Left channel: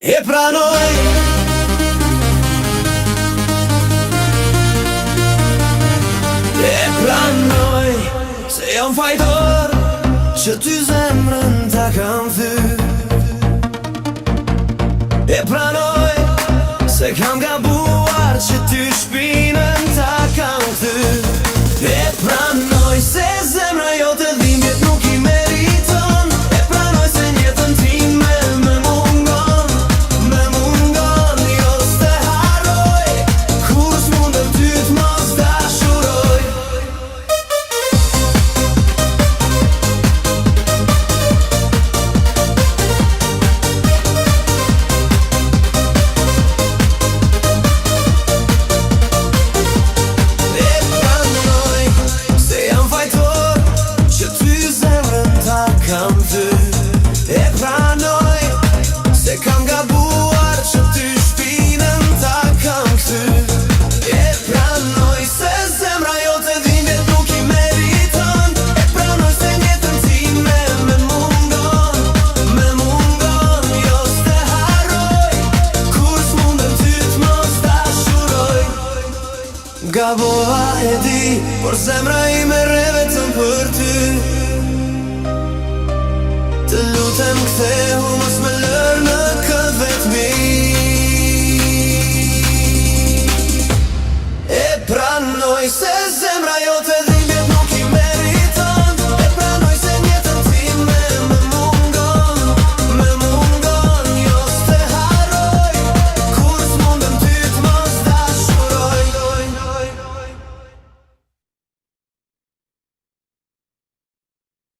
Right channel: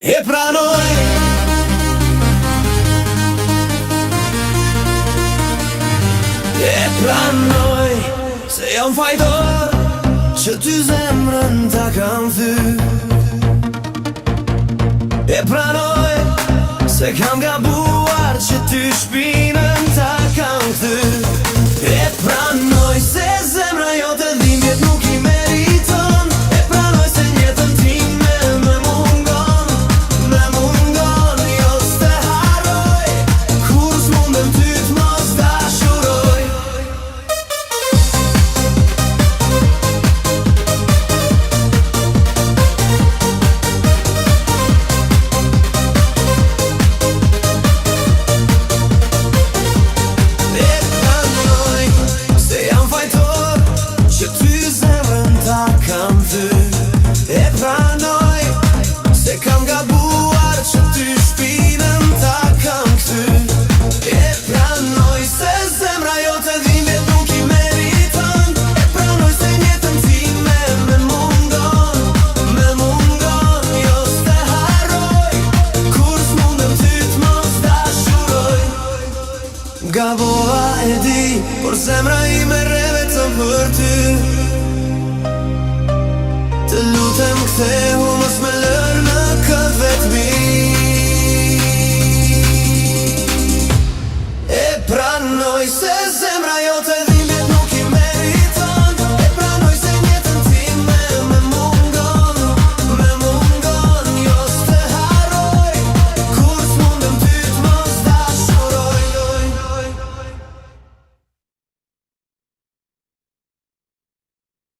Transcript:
E pranoj se jam fajtor që ty zemrën ta kam thyr. E pranoj se kam gabuar që ty shpinën ta kam kthyr. E pranoj se zemra jote dhimbjet nuk I meriton. E pranoj se jetën time me mungon jo s'te harroj, kur s'mundem ty t'mos dashuroj. E pranoj se kam gabuar që ty shpinën ta kam kthyr. E pranoj se zemra jote dhimbjet nuk I meriton. E pranoj se jetën time me mungon jo s'te harroj, kur s'mundem ty t'mos dashuroj. Gabova e di, por zemra ime re vetëm për ty. Të lutem kthehu mos më lër në këtë vetmi. E pranoj se